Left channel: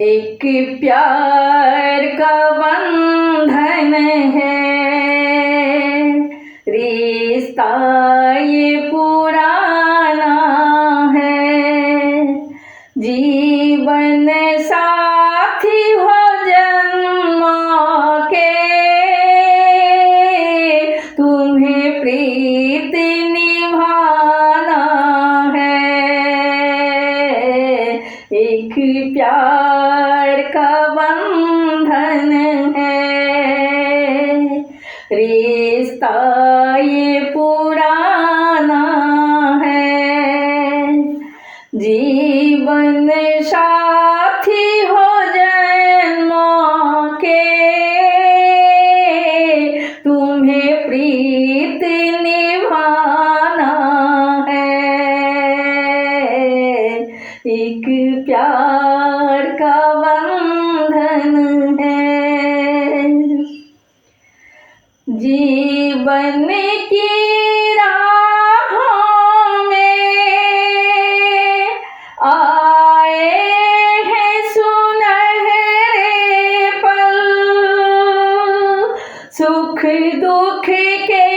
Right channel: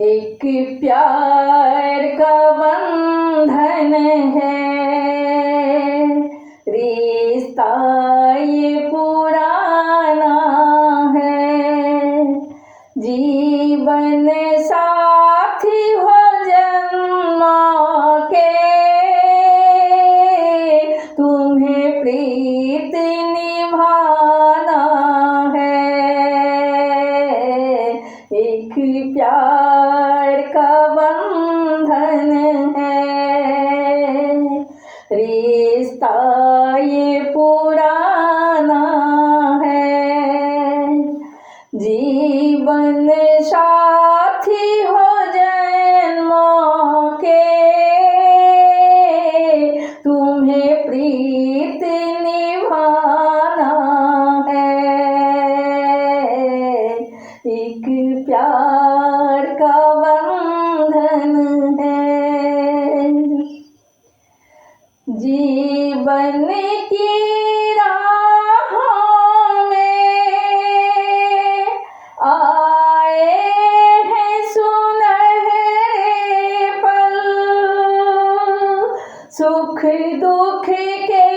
एक प्यार का बंधन है, रिश्ता ये पुराना है। जीवन साथी हो जन्मों के, तुम्हें प्रीत निभाना है। एक प्यार का बंधन है, रिश्ता ये पुराना है। जीवन साथी हो जन्मों के, तुम्हें प्रीत निभाना है। एक प्यार का बंधन है। जीवन की राहों में आए हैं सुनहरे पल, सुख दुख के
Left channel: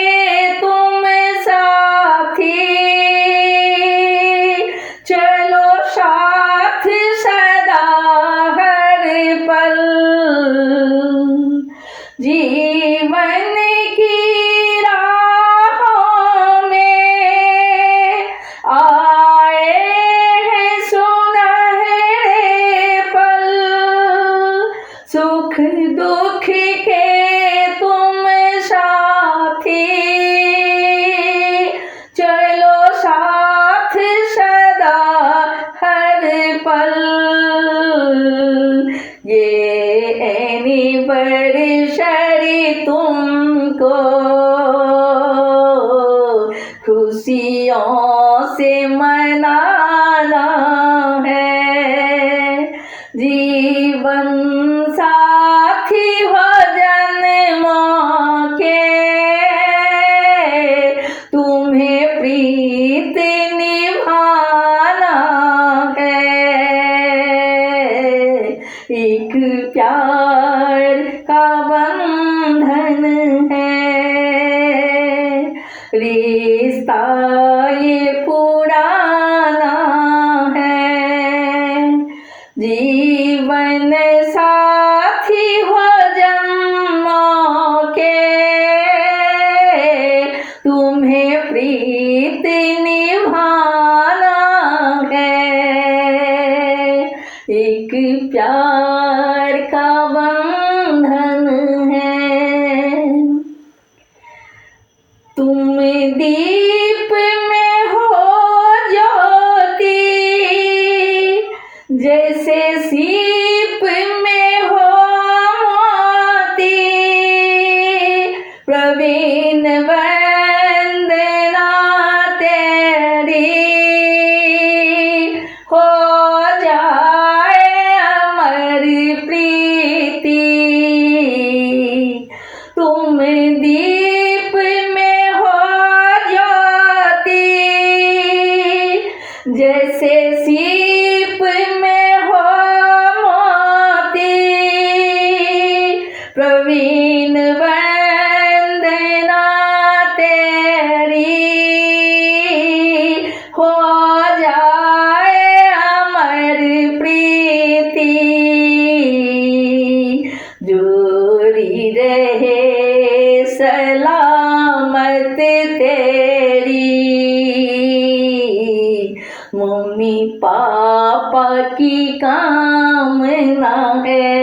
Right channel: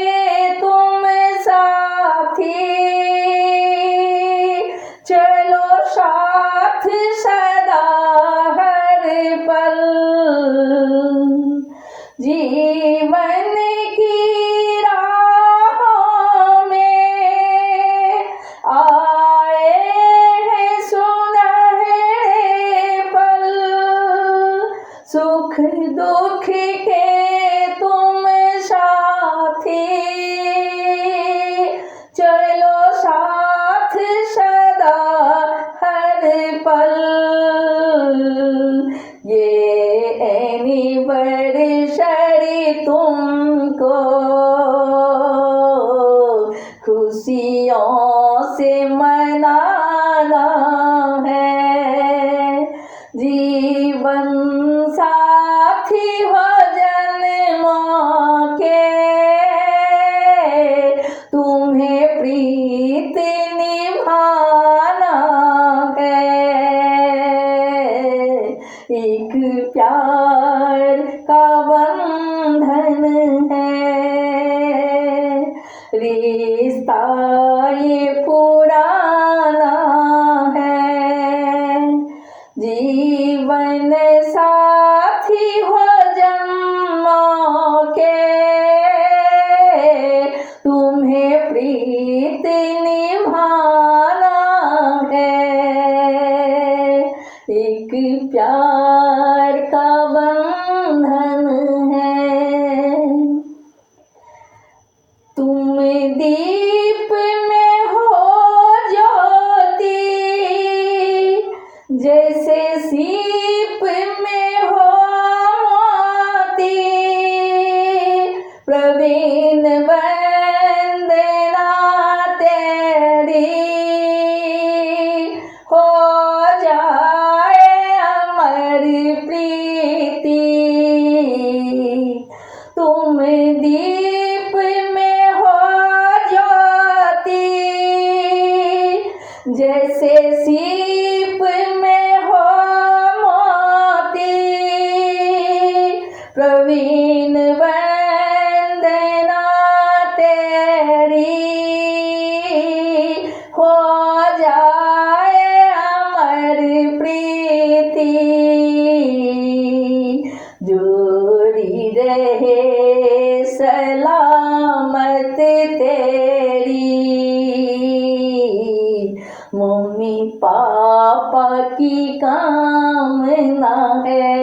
तुम साथी, चलो साथ सदा हर पल। जीवन की राहों में आए हैं सुनहरे पल, सुख दुख के तुम साथी, चलो साथ सदा हर पल। ये एनिवर्सरी तुमको खुशियों से मनाना है। जीवन साथी हो जन्मों के, तुम्हें प्रीत निभाना है। एक प्यार का बंधन है, रिश्ता ये पुराना है। जीवन साथी हो जन्मों के, तुम्हें प्रीत निभाना है। एक प्यार का बंधन है। तुम दीप में हो ज्योति, जैसे सीप में हो मोती। प्रवीण वंदना तेरी, हो जाए अमर प्रीति। तुम दीप में हो ज्योति, जैसे सीप में हो मोती। प्रवीण वंदना तेरी, हो जाए अमर प्रीति। जोड़ी रहे सलामत तेरी, मम्मी पापा की कामना है।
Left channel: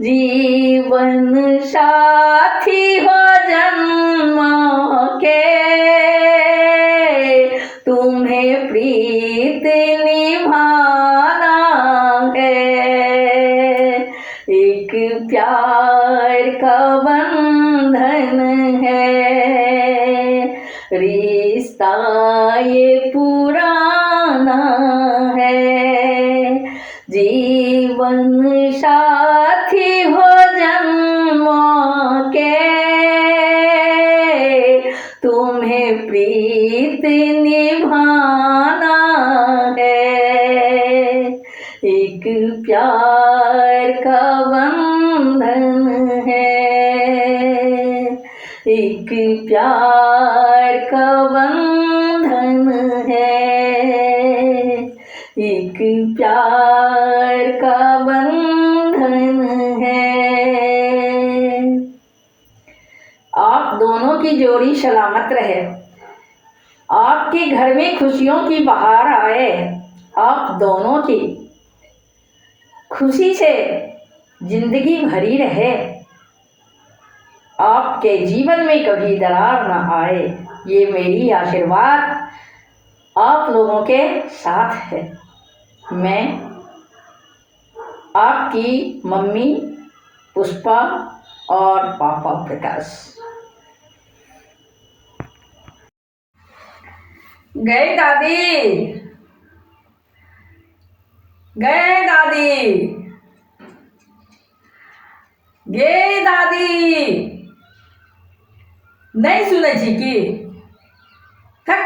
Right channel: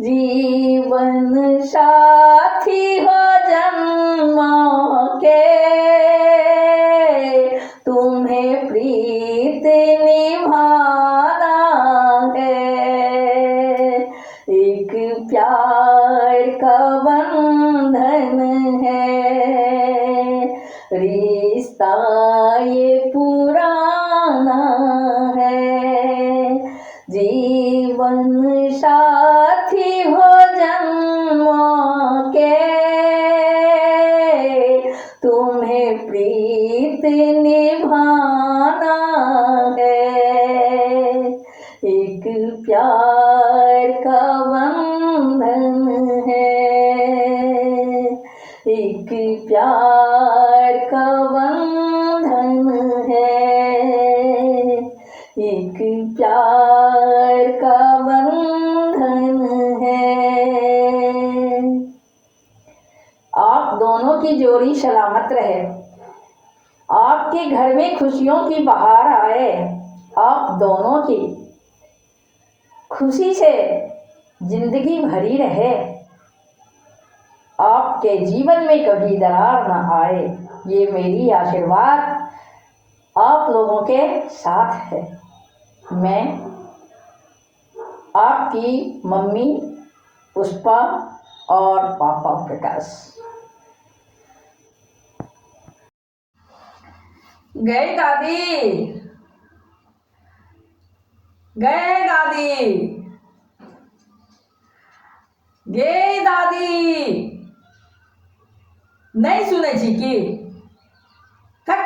जीवन साथी हो जन्मों के, तुम्हें प्रीत निभाना है। एक प्यार का बंधन है, रिश्ता ये पुराना है। जीवन साथी हो जन्मों के, तुम्हें प्रीत निभाना है। प्यार का बंधन है, एक प्यार का बंधन है, एक प्यार का बंधन है। आप दोनों की जोड़ी सलामत रहे, आपके घर में खुशियों की बहार आए, आप दोनों की खुशी से जिंदगी भरी रहे, आपके जीवन में कभी दरार न आए, ये मेरी आशीर्वाद आप लोगों के साथ है। मैं आपकी मम्मी पुष्पा और पापा प्रकाश। गए दादी, गए दादी, गे दादी, नहीं सुने छी की? थक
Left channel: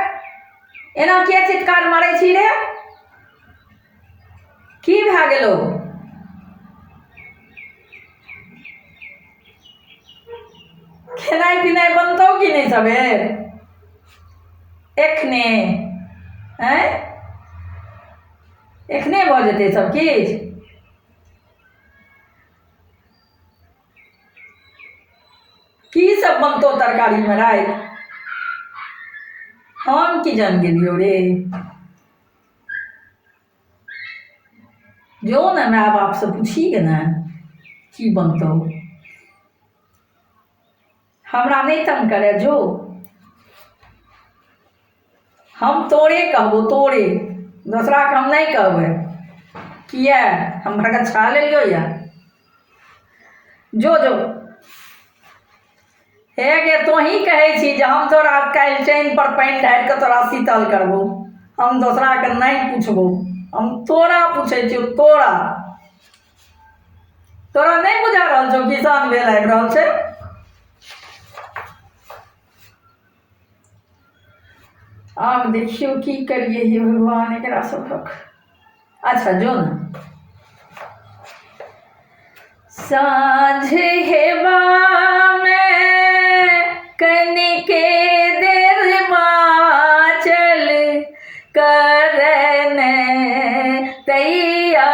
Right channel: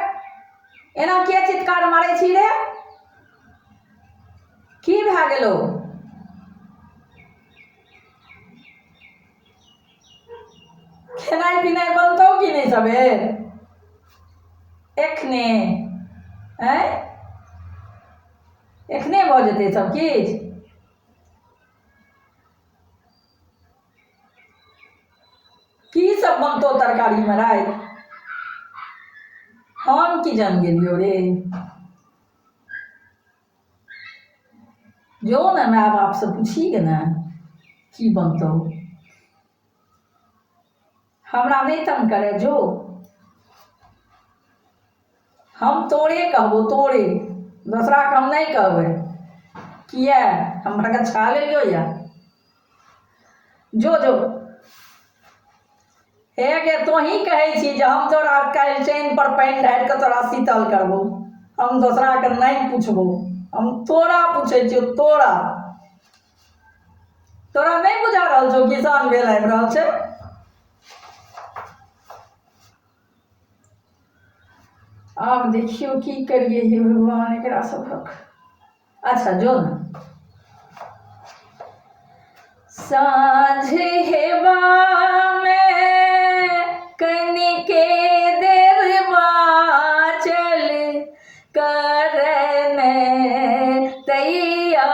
एना किया चित्कार मारे छी रे? की भए गेलो? खेनाइ पिनाइ बनतौ कि नहीं सबेर? एखने एखने भऽ जेतै सब किछु? की सब बनतौ तरकारी में राति? हम की जान गेलियो रे? जो ना माय बाप से पूछी के ना की बनतौ। हमरा नहीं तंग करे जो, हम तोरे कहबो, तोरे, दूसरा के हम नहीं कहबै। किया हमरा का छा लेलियो या? जो जो हे गे तो ही कहै छी जे हम तोरा काल्हि चैन पर पानि ढारि के तोरा शीतल करबो, हम दूसरा के नहीं पूछबो, हम तोरा पूछे छियो। तोरा तोरा नहीं बुझा रहल छौ कि साँझ भेल आबि रहल छै? आब देखियो की करिए हे भगवान एकरा सबक। अच्छा जो ना साँझ हेबा में कनिके देर बाँचल, करन तैयारी,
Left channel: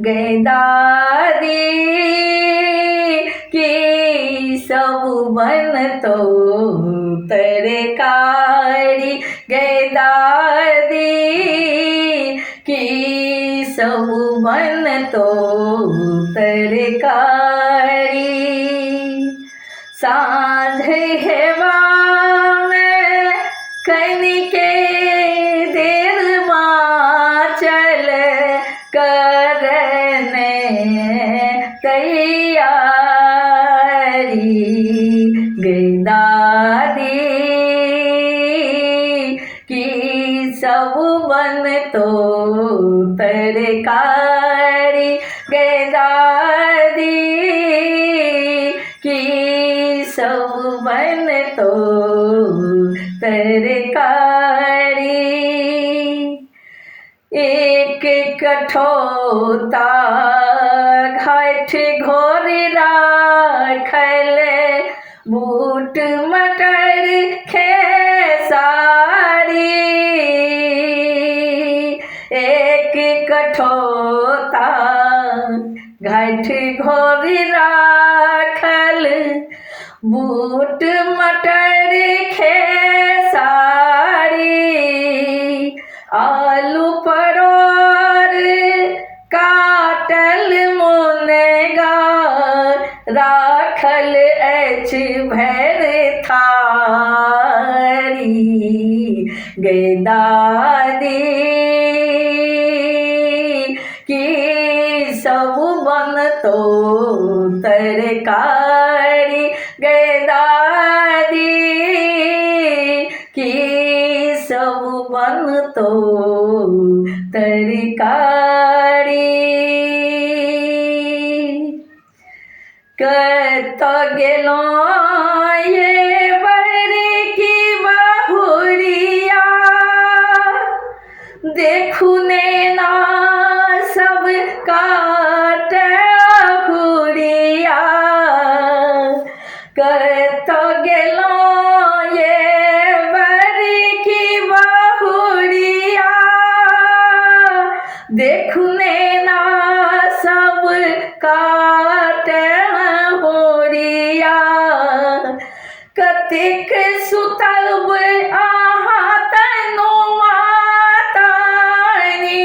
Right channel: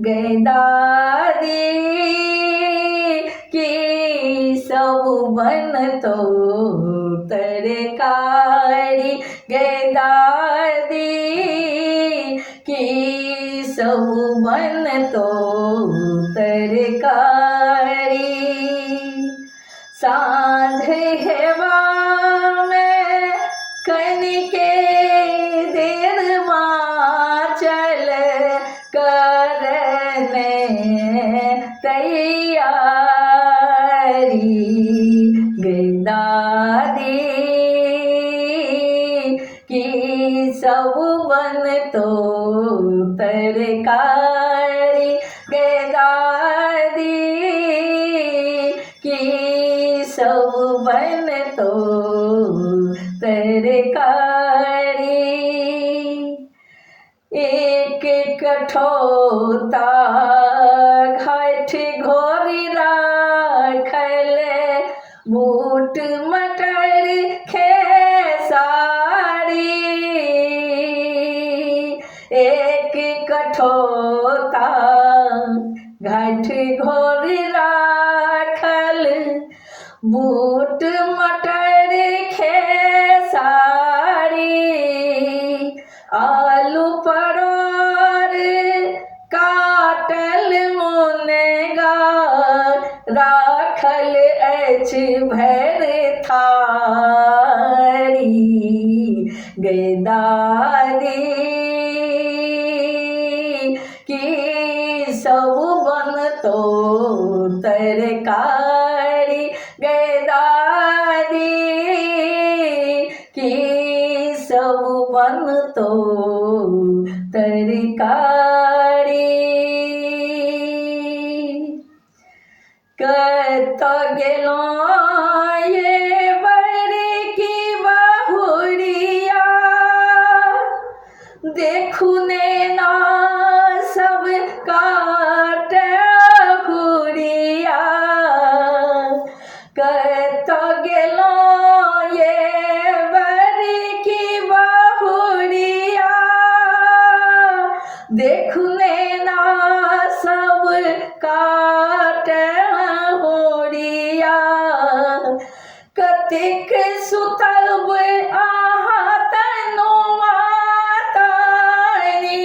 गै दादी की सब बनतौ तरकारी, गै दादी की सब बनतौ तरकारी। साँझ हेबा में कनिके देर बाँचल, करन तैयारी, गै दादी की सब बनतौ तरकारी, गै दादी की सब बनतौ तरकारी। एक कठौता घाट घोर राखल, बूट मटर खेसारी, एक कठौता घाट घोर राखल, बूट मटर खेसारी, आलू परोर काटल मुनगा राखल अछि भैर थारी, गै दादी की सब बनतौ तरकारी, गै दादी की सब बनतौ तरकारी। कतऽ गेलौं ये बड़की बहुरिया, देखू नैना सब काट हुरिया कत गेलौं ये बड़की बहुरिया देखू नैना सब काट हुरिया कतेक सुतब अहाँ तनुआ तानी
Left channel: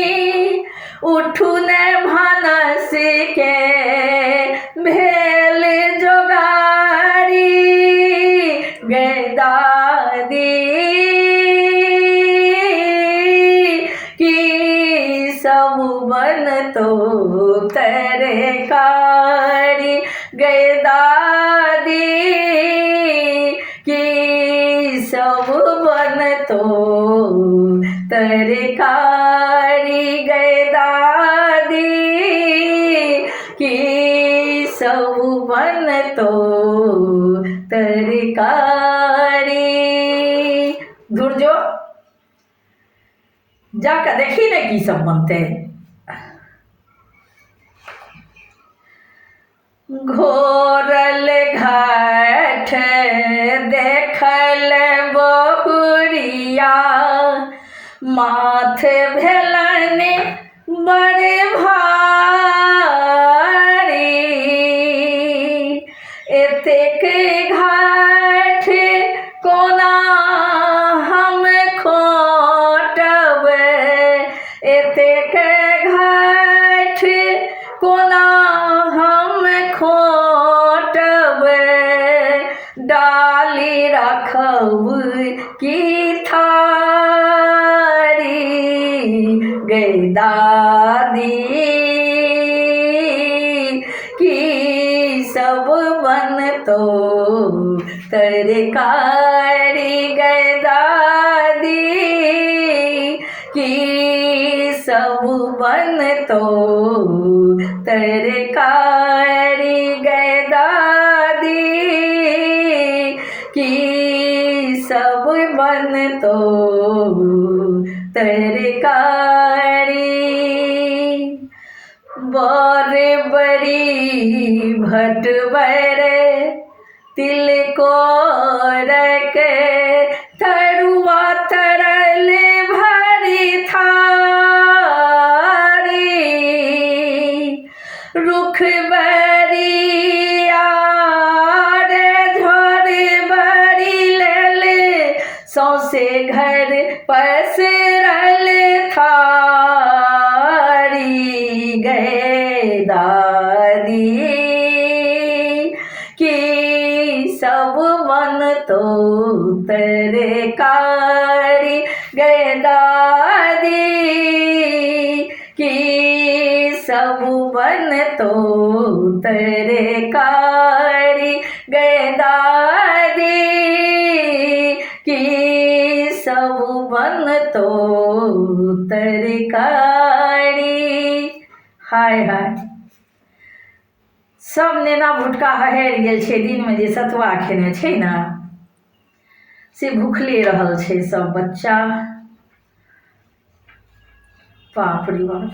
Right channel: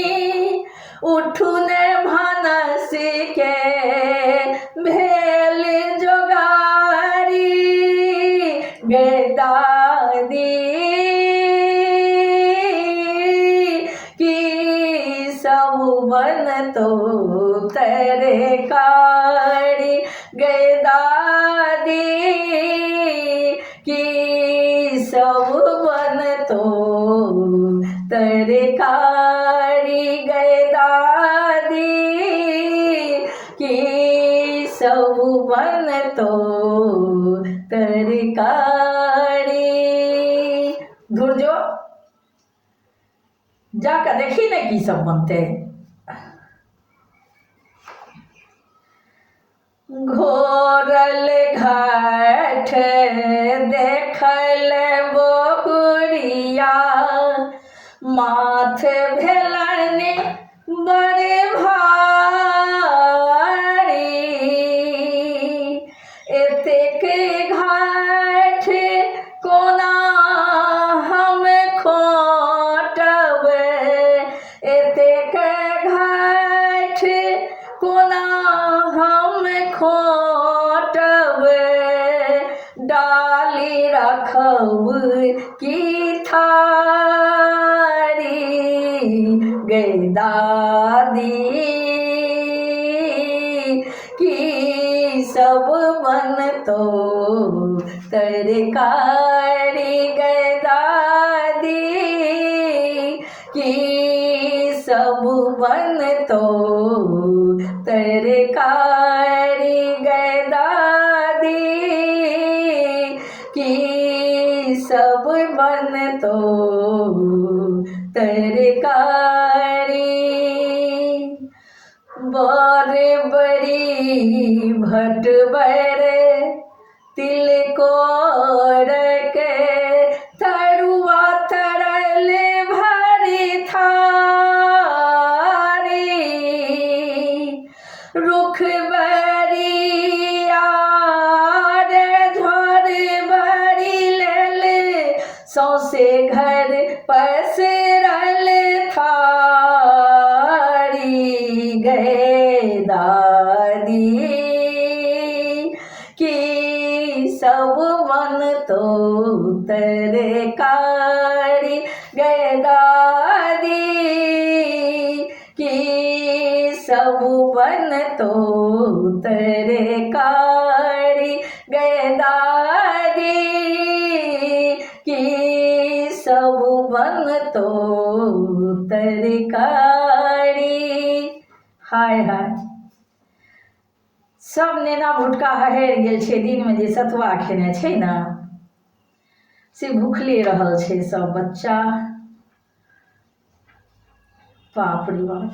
उठू ने भानस के भेल जोगारी गे दादी की सब बन तो तरकारी गे दादी की सब बन तो तरकारी गे दादी की सब बन तो तरकारी। दूर जो जाकर देखी ने की सब बनते घोरल घाट देखल बहुरिया माथ भेलन बड़े भारी एतेक घाट कोना हम खोटब एतेक घाट कोना हम खोटब डाली रखब की थारी गे दादी की सब बन तो तरकारी गे दादी की सब बन तो तरकारी गे दादी की सब बन तो तरकारी बर बड़ी भट बर तिल को रके तरुआ तरल भरी थारी रुख बरिया रे झोर बरी ले सौसे घर पसरल थारी गे दादी की सब बन तो तरकारी गे दादी की सब बन तो तरकारी गे दादी की सब बन तो तरकारी। हाय हाय सब नेना भुटका हहरि गेल छै दिनमे जे सतुआ खेने छै ने से भूखले रहल छै सब बच्चा बाप रे बाप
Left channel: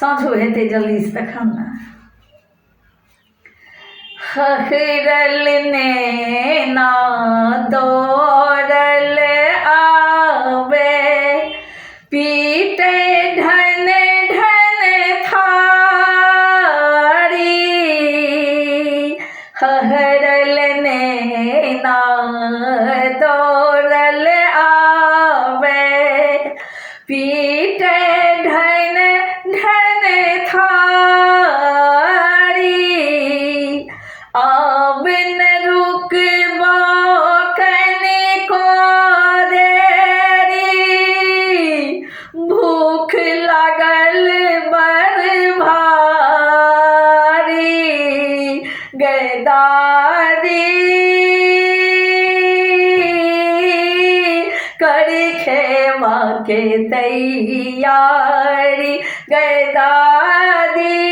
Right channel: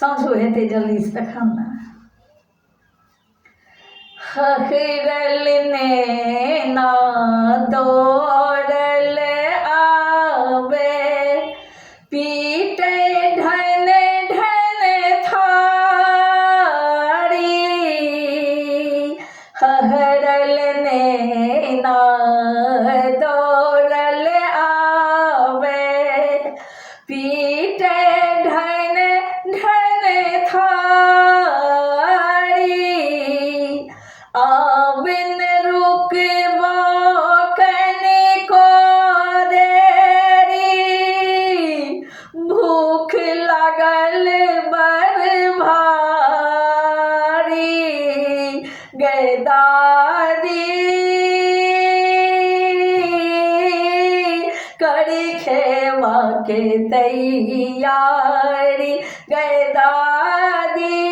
साँझो हेतै जल्दीसँ तखन ने हहरल नेना दौड़ल आवे पीटे ढन ढन थारी हहरल नेना दौड़ल आवे पीटे ढन ढन थारी आबिन रुकबो कनिको देरी भूख लागल बड़ भारी गे दादी करी खेवा के तैयारी गे दादी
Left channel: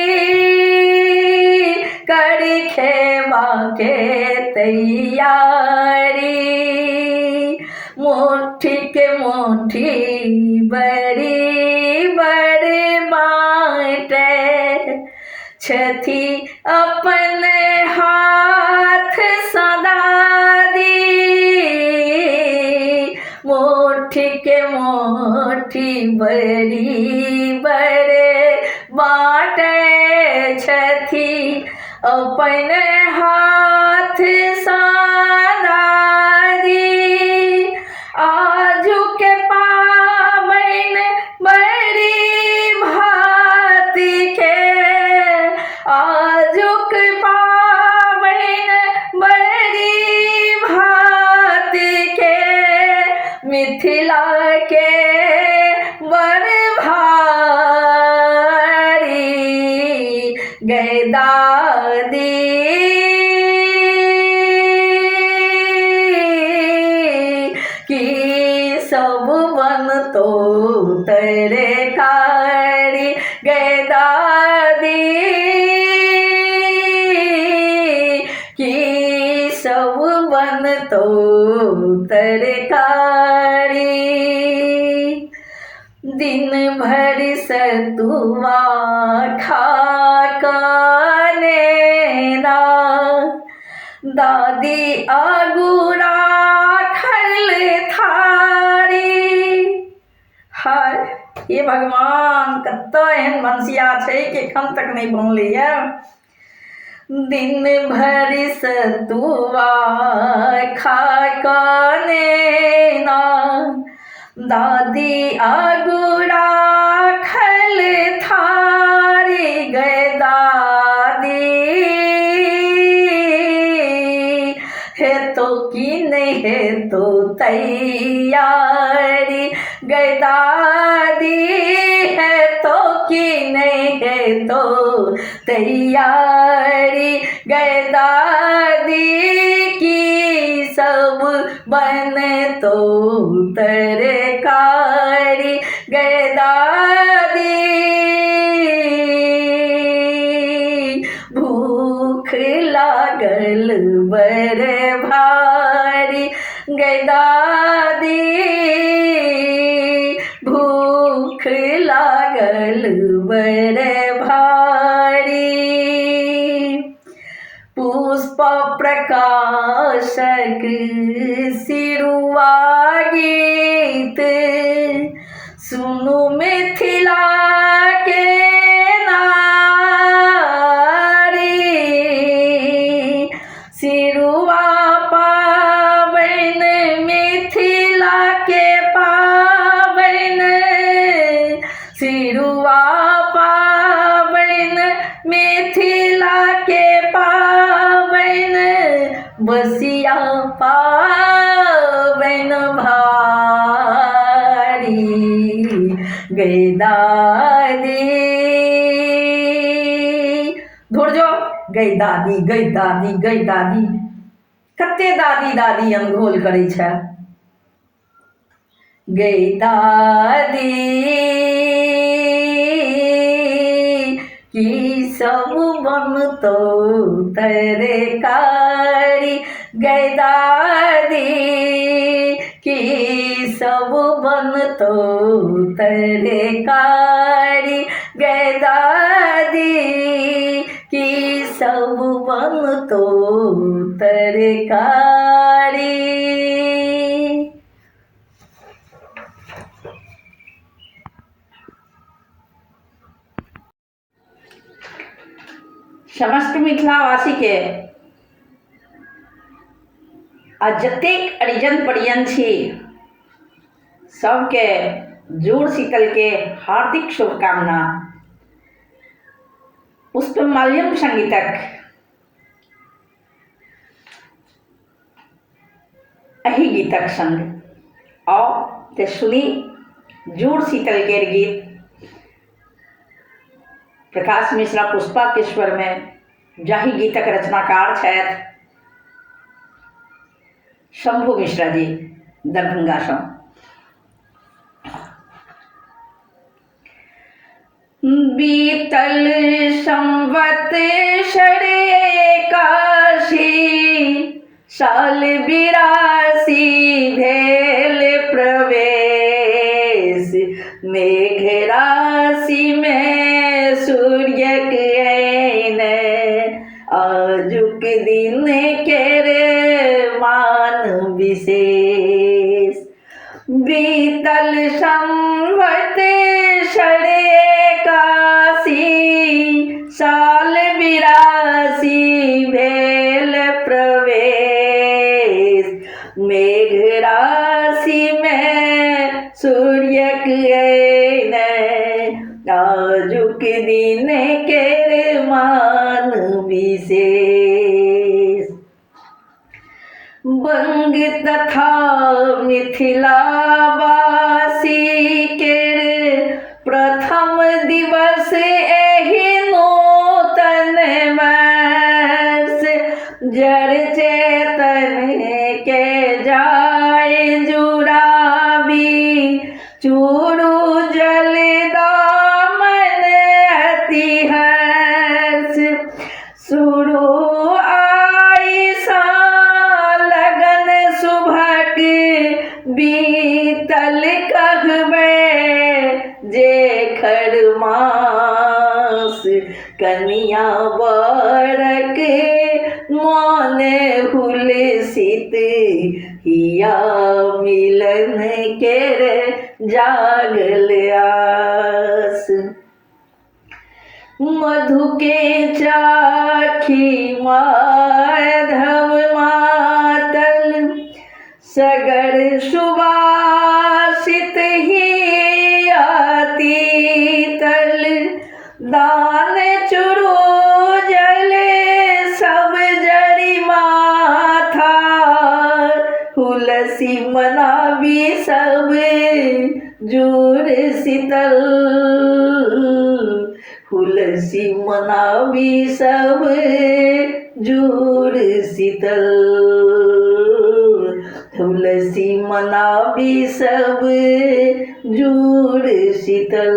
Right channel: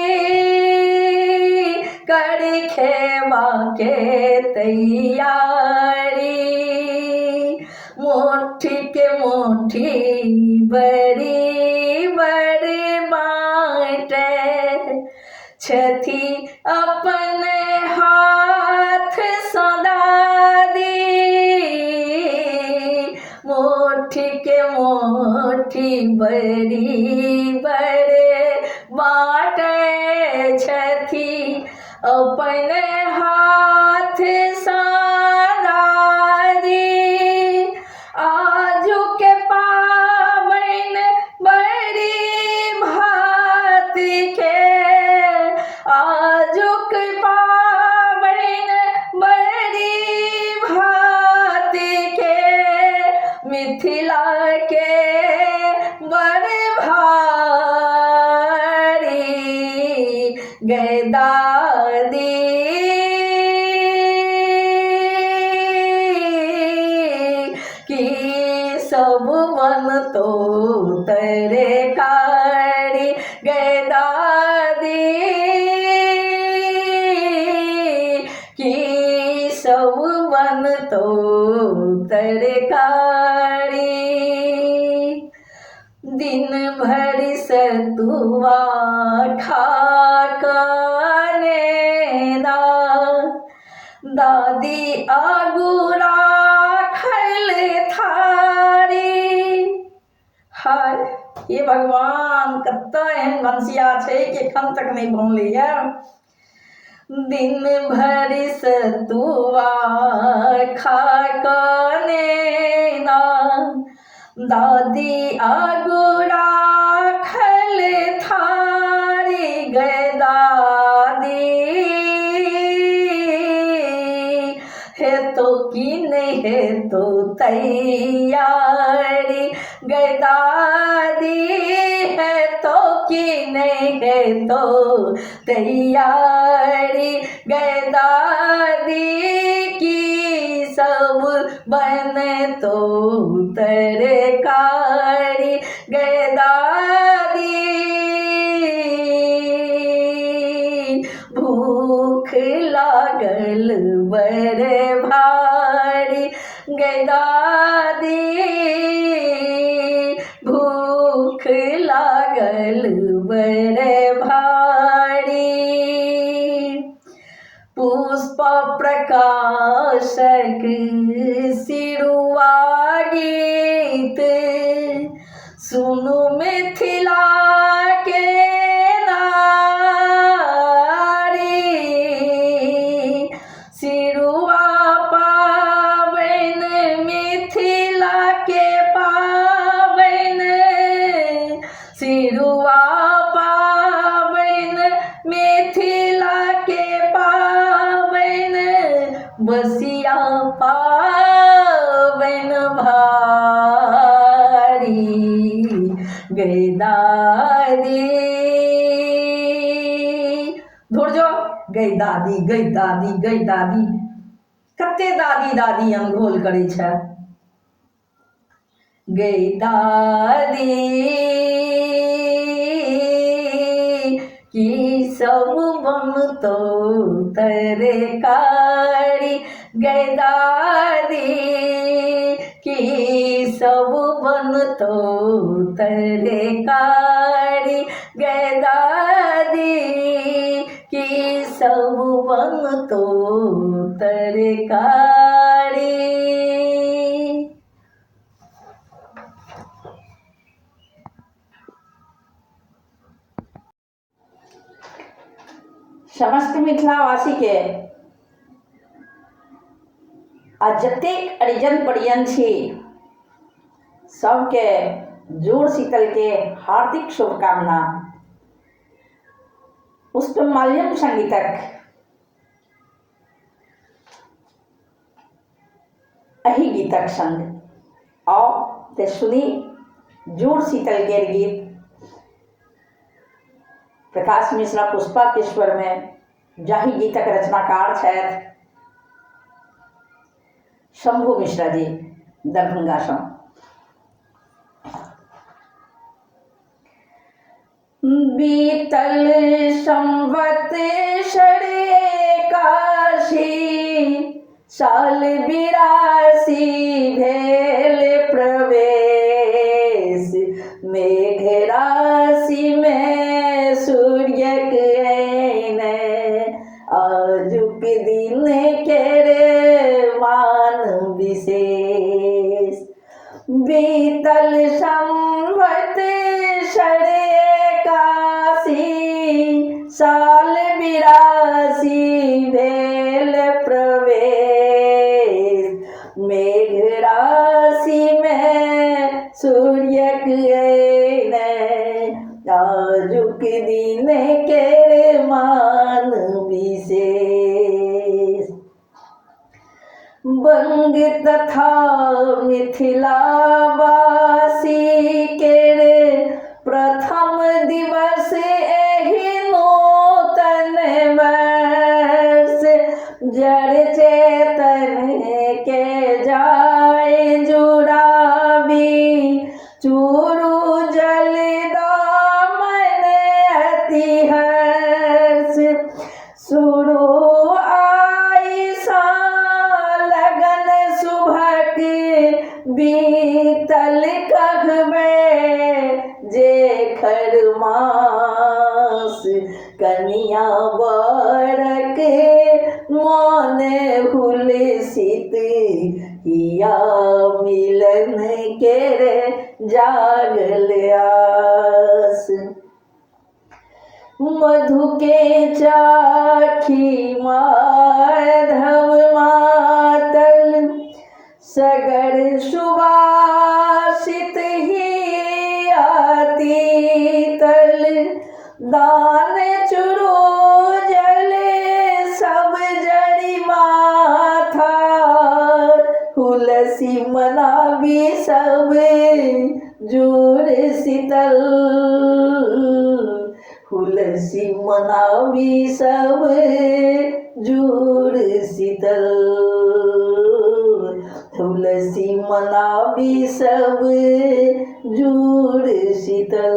करी खेवा के तैयारी मोर मुट्ठी के मुट्ठी बड़ी बड़ी बाटे छथी अपन हाथ सदा दी मुट्ठी के मुट्ठी बड़ी बड़े बाटे छथी अपन हाथ सदा दी आजू के पावन बड़ी भांति के आजू के पावन बड़ी भांति के मिथिला के बड़ भारी गैदादी की सब बन तो तेरे कारी गैदादी की सब बन तो तेरे कारी दिन भर सतुआ खा दादी आगुरा खल थारी हाय ये भगवान कत एहन बंसिया छै कि एखन तक नहीं बनलैया दिन भर सतुआ खा काने दादी आगुरा खल थारी गए दादी है तो की नहीं है तो तैयारी गए दादी है तो की नहीं है तो तैयारी गए दादी की सब बने तो तरकारी गए दादी भूख लागल बड़े भारी गए दादी भूख लागल बड़े भारी पुष्प प्रकाशक सिरुआ गीत सुनु मिथिला के नारी सिरुआ पावन मिथिला के पावन सिरुआ पावन मिथिला के पावन बसिया पावन भारी गए दादी धुरजो गई दादी गई दादी गई दादी कते दादी दादी अनघोल करै छै गई दादी की सब बनतो तरकारी गए दादी की सब बनतो तरकारी गए दादी की सब बनतो तरकारी। समस्त मिथिलावासी के आ जतेक अरिजन परिजन छी सबके जुड़ शीतल के हार्दिक शुभकामना। पुष्पमाल्यम संगीतक एही गीतक संग आओ ते सुनी जुड़ शीतल के गीत प्रकाश मिश्रा पुष्पा के स्वर में जाहि गीतक रचनाकार छथि शंभु मिश्रा जी दरभंगा सँ। बीतल संवत षरे काशी साल 82 भेल मेघ राशि में सूर्य के आजुक दिन केरे मान विशेष बीतल संवत षड़े काशी साल 82 भेल प्रवेश मेघ राशि में सूर्य आजुक दिन के मान विशेष बंग तथा मिथिला वासी के प्रथम दिवस एहि नूतन वर्ष जड़ चेतन के जाए जुड़ावी चूरू जल दामन अति हर्ष सुरु आई सा लगन सुभग बीतल कहबे जेखर मास कनिया बरक मन हुलसित हिया मिलन के जागल आस मधु के चाखी माधव मातल सगर सुवासित ही आती तल दान चुरू जले सब जड़ी माथा हुलसी मनावी सब जूर शीतल हुलसी मनावी सब जूर शीतल तुलसी मनावी सब जूर शीतल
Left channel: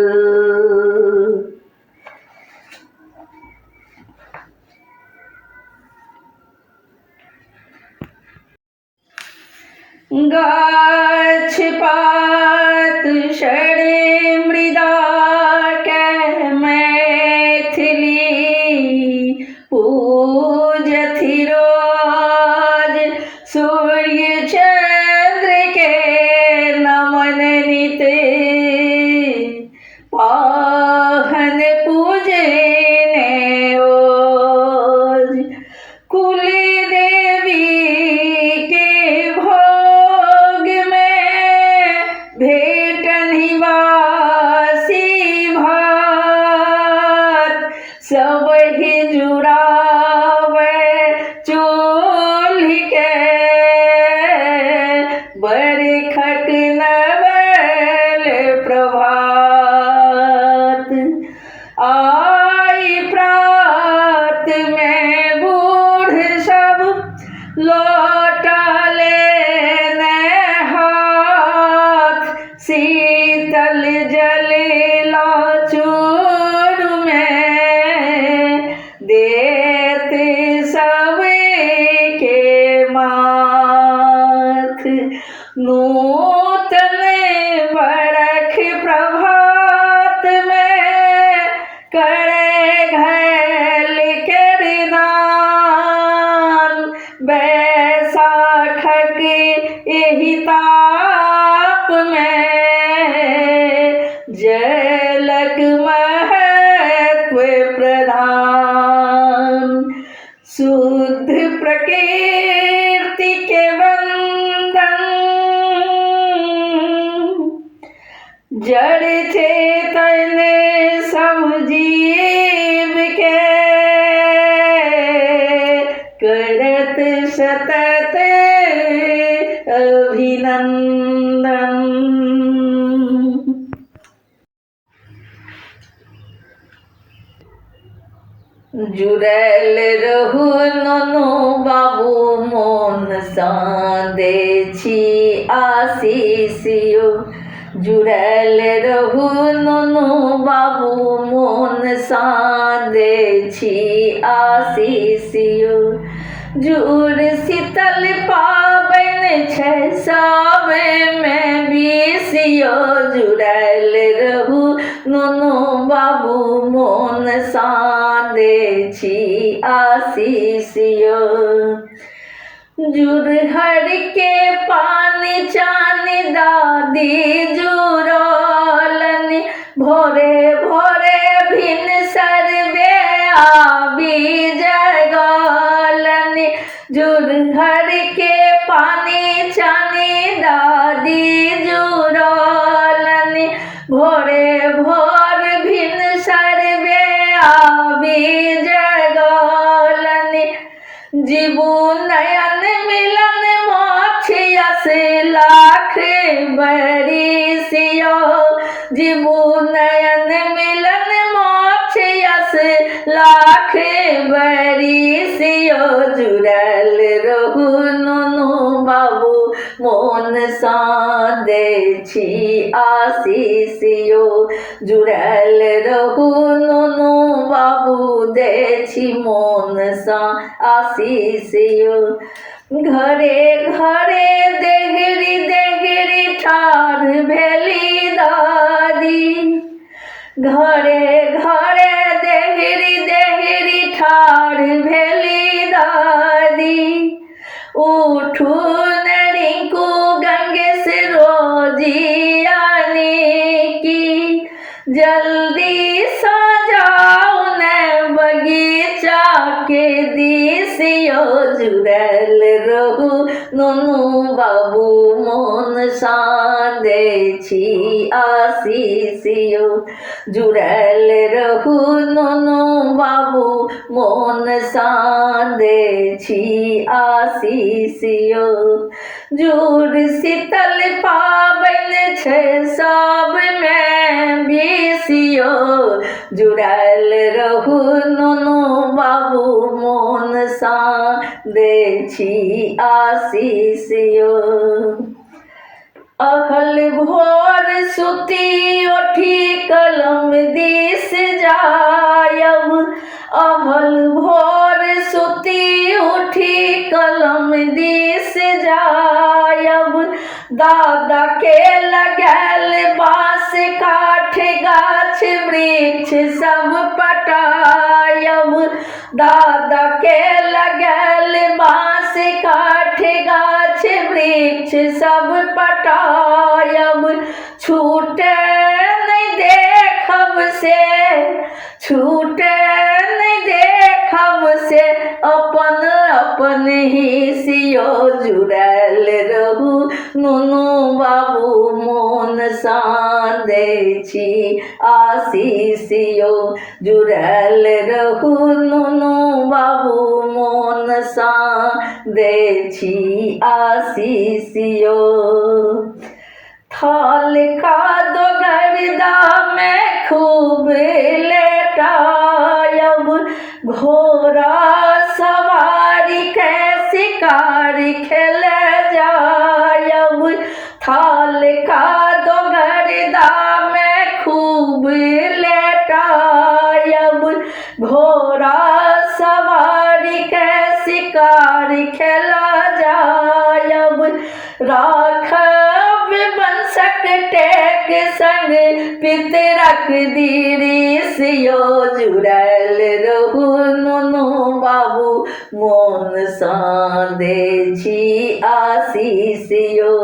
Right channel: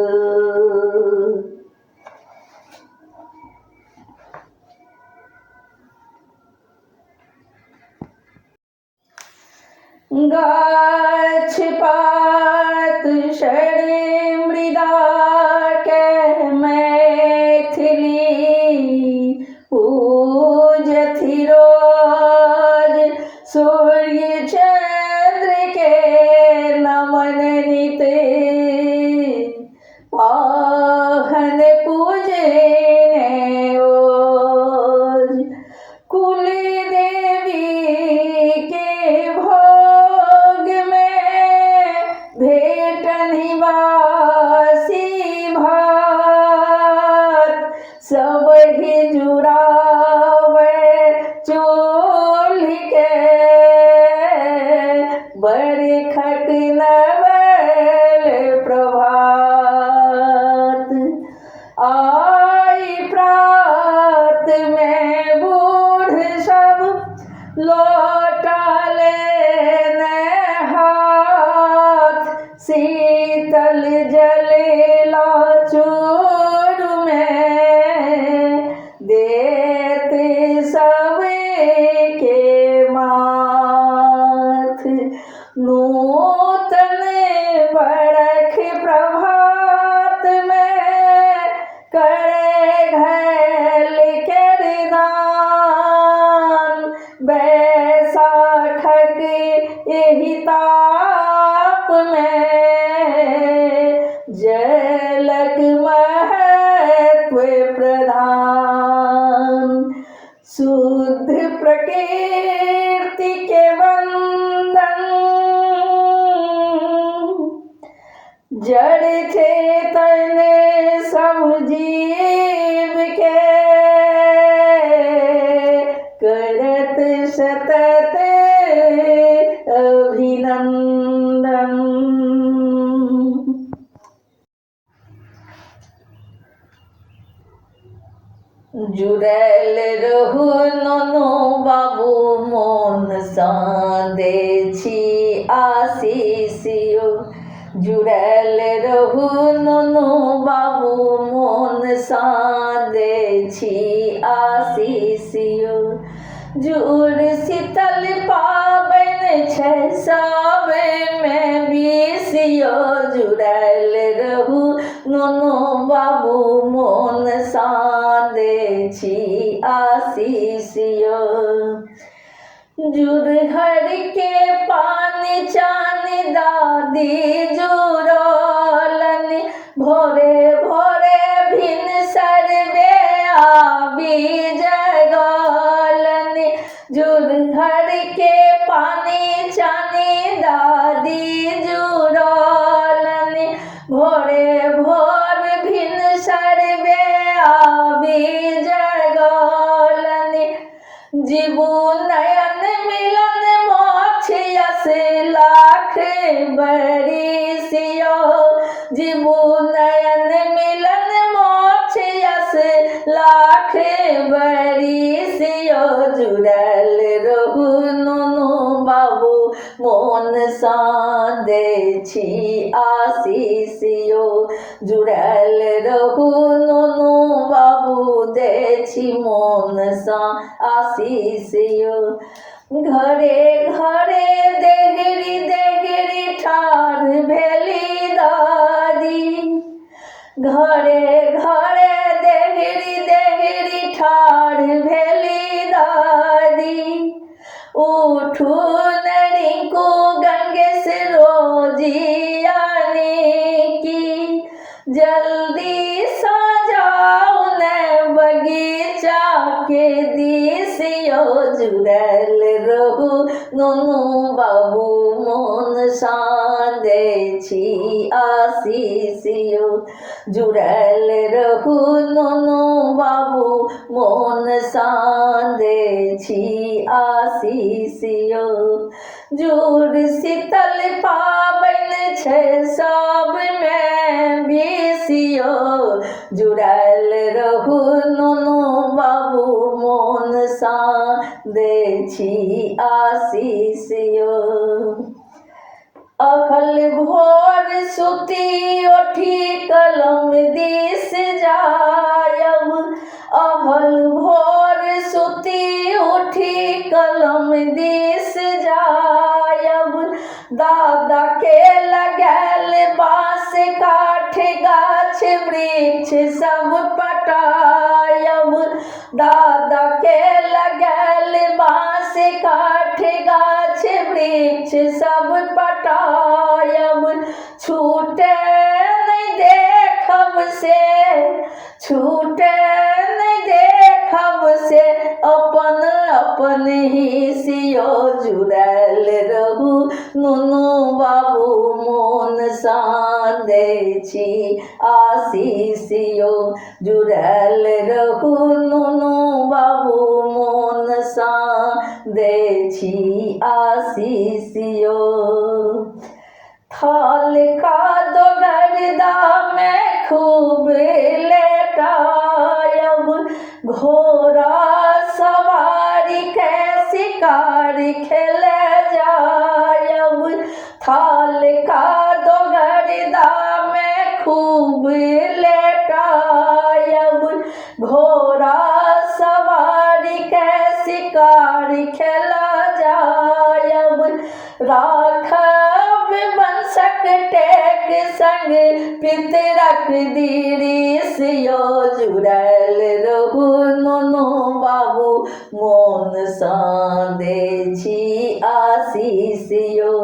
गाछ पात षड़े मृदा के मैथिली पूजथि रोज सूर्य चंद्र के नमन नित पाहन पूजे ने ओज कुल देवी के भोग में भेट निवासी भात सब ही जुड़ावे चूल्ह के बड़ी खट नवल प्रभात आई प्रात में बूढ़ सब लौटा ले हाथ शीतल जलेला चूर में देते सब के माथ नूतन बरख प्रभात में करे घैल करदान बैसाखक एहि ताप में जलक महत्व प्रधान शुद्ध प्रकृति के बंधन जड़ चेतन सब जीव के करत सतत अभिनंदन जुड़ल रहू नुनू बाबू मोन सा दे छी आशीषियो जुड़ल रहू नुनू बाबू मोन सा दे छी आशीषियो जुड़ शीतल पाबन छै सावन में बीसियो जुड़ल नुनु बाबू मोन सा दे छी आशीष यो जुड़हर के पानी चानी दादी जुड़लनी भोरे भोरे भिन सरबे आबी जगलनी जुड़हर के पानी चानी दादी जुड़लनी भोरे भोर भिन सरबे आबी जगलनी जीबू नयन मिलन मोक्षयस लाख बरिसियो जीबू नयन मिलन मोक्षयस लाख बरिसियो जुड़ल रहू नुनु बाबू मोन सा दे छी आशीष यो जुड़ल रहू नुनु बाबू दे छी मोन सा आशीष यो घरे घरे देहरी देहरी ठाढ़ भेली दादी घरे घरे देहरी देहरी ठाढ़ भेली दादी उठू नरिंकू गंगे से रोजी आने की जल्दी सजाओ न बगीचा के दिसियो जुड़ल रहू नुनु बाबू मोन सा दे छी आशीष यो जुड़ल रहू नुनु बाबू मोन सा दे छी आशीष यो जुड़ शीतल पाबन छै सब में बीसियो जुड़ल रहू नुनु बाबू मोन सा दे छी आशीष यो अखल भोर सुती उठी कलम दिस जायब अहल भोर सुती उठी कलम दिस जायब दादा के लगल बाँस काठ गाछ वृक्ष सब पटायब दादा के लगल बाँस काठ गाछ वृक्ष सब पटायब छूटे नहीं देखब से छूटे नहीं देखब से अपन अपन ही सियो जुड़ल रहू नुनु बाबू मोन सा दे छी आशीष यो जुड़ल रहू नुनु बाबू मोन सा दे छी आशीष यो थाल का दो गर्दा में खूब लेटायब घोड़ा सवारी के शिकार खेल जायब थाल का दो गर्दा में खूब लेटायब घोड़ा सवारी के शिकार खेल जायब राखब बंसक टेक संग पितरक दिरिसियो जुड़ल रहू नुनु बाबू मोन सा दे छी आशीष यो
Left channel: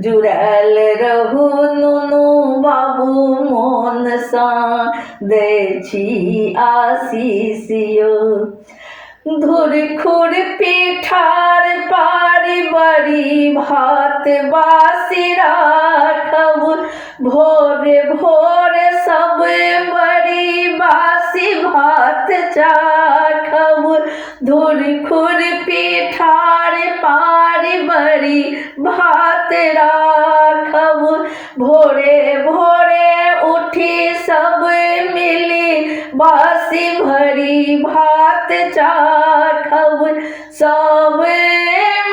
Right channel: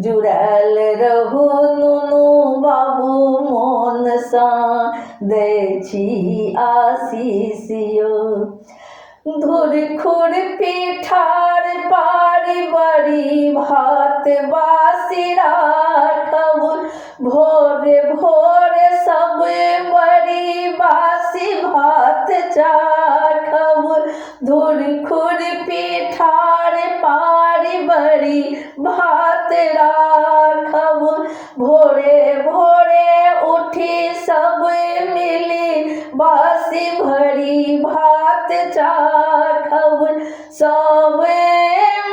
जुड़ल रहू नुनु बाबू मोन सा दे छी आशीष यो धुर खुर पिठार पारी बड़ी भात बासी राखब भोरे भोरे सब बड़ी बासी भात चाखब धुर खुर पिठार पारी बड़ी भात राखब भोरे भोरे उठी सब मिली बासी भरी भात चाखब सब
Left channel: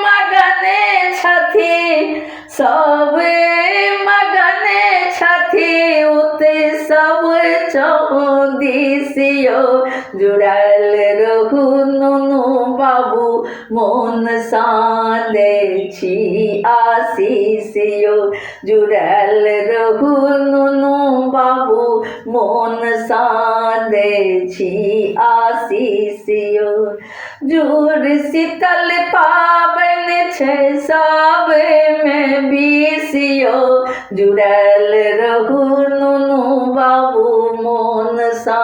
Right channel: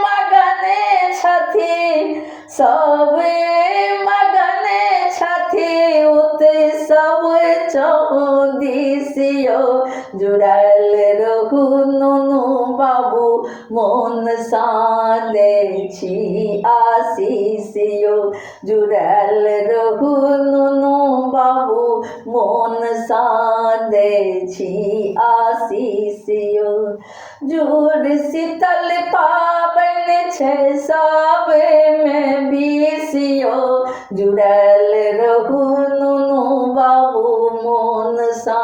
मगने छथि सब मगने छथि उते सब चौदिसियो जुड़ल रहू नुनु बाबू मोन सा दे छी आशीष यो जुड़ल रहू नुनु बाबू मोन सा दे छी आशीष यो। जुड़ शीतल पाबन छै सब में बीस यो। जुड़ल रहू नुनू बाबू मोन सा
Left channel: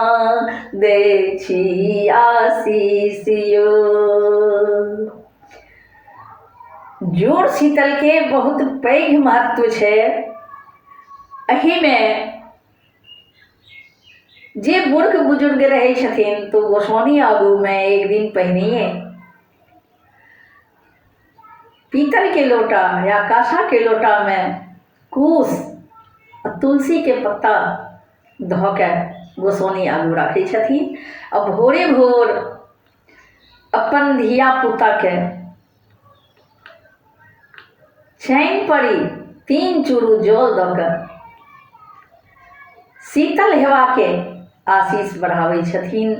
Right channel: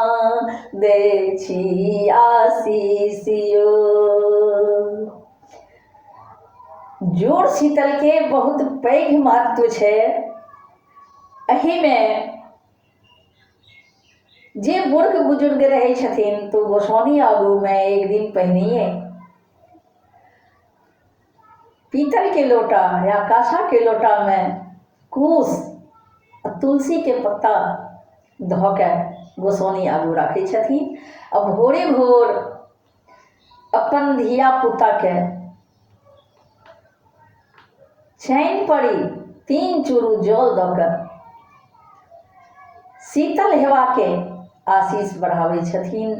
दे छी आशीष यो। जुड़ शीतल के बहुत पैघ महत्व छै। एहिमे जे बूढ़ बुजुर्ग रहै छथिन तो गोसाउनी आगू में एक दिन पहिनिए पीतल के लोटा या कांसा के लोटा में कूश और तुलसी के पत्ता धो के गोसाउनी आगू रखै छथिन। और भोरे भोर अपन धिया पुता के चैन पड़ी 3 चूरू जल दऽ कऽ शीतल हेवा के आशीष बढ़ाबै छथिन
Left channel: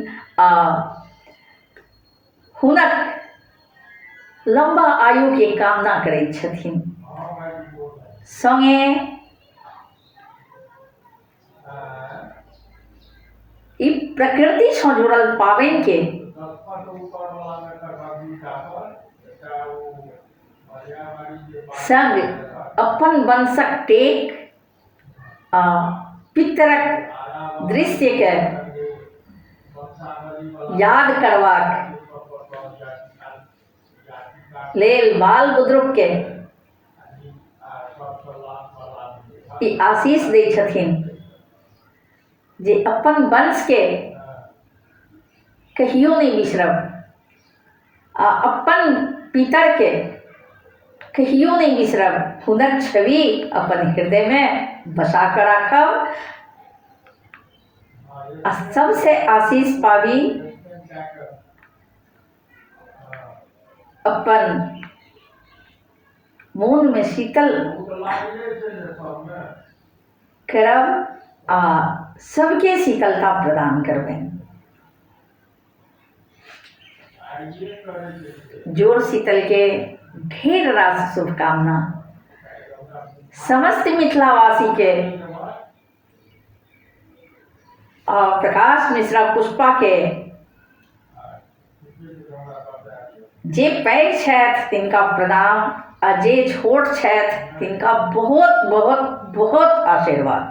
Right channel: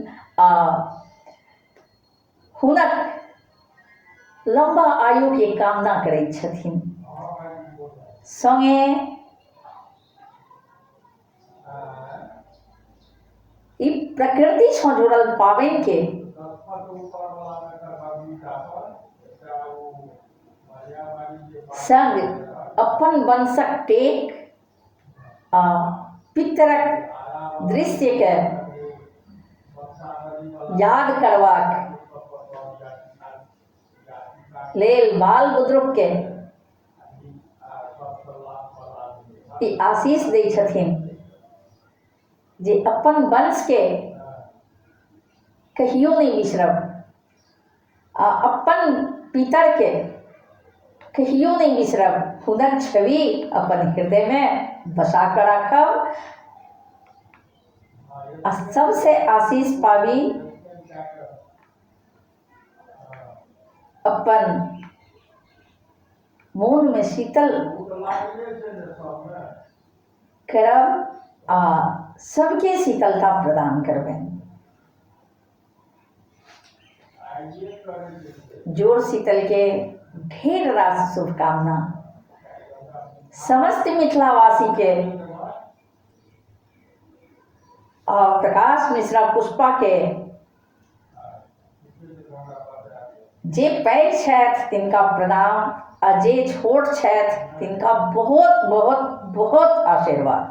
आ हुनक लंबा आयु के कामना करैत छथिन। संगे ई प्रकृति से जुड़ल पाबनि के संग अपन वंशक टेक आ पितरक दृश्य के याद करबाक लेल बाल बुजुर्ग के ई आशीष दै छथिन जे अपन वंश के कहियो नहीं बिसरब आ अपन पितर के कहियो नहीं बिसरब। हुनक छवि अपन हृदय में बसा कर राखब आ सबसे आशीष पाबी। अपन मोन में शीतल करब आ सबके शीतलता प्रदान करबनि। जोड़ शीतल के ढेर रास शुभकामना समस्त मिथिलावासी के और प्रकाश मिश्रा पुष्पा के जे पैघ छथि तिनका प्रणाम आ जे छोट छथि तिनका बहुत बहुत बहुत आशीर्वाद।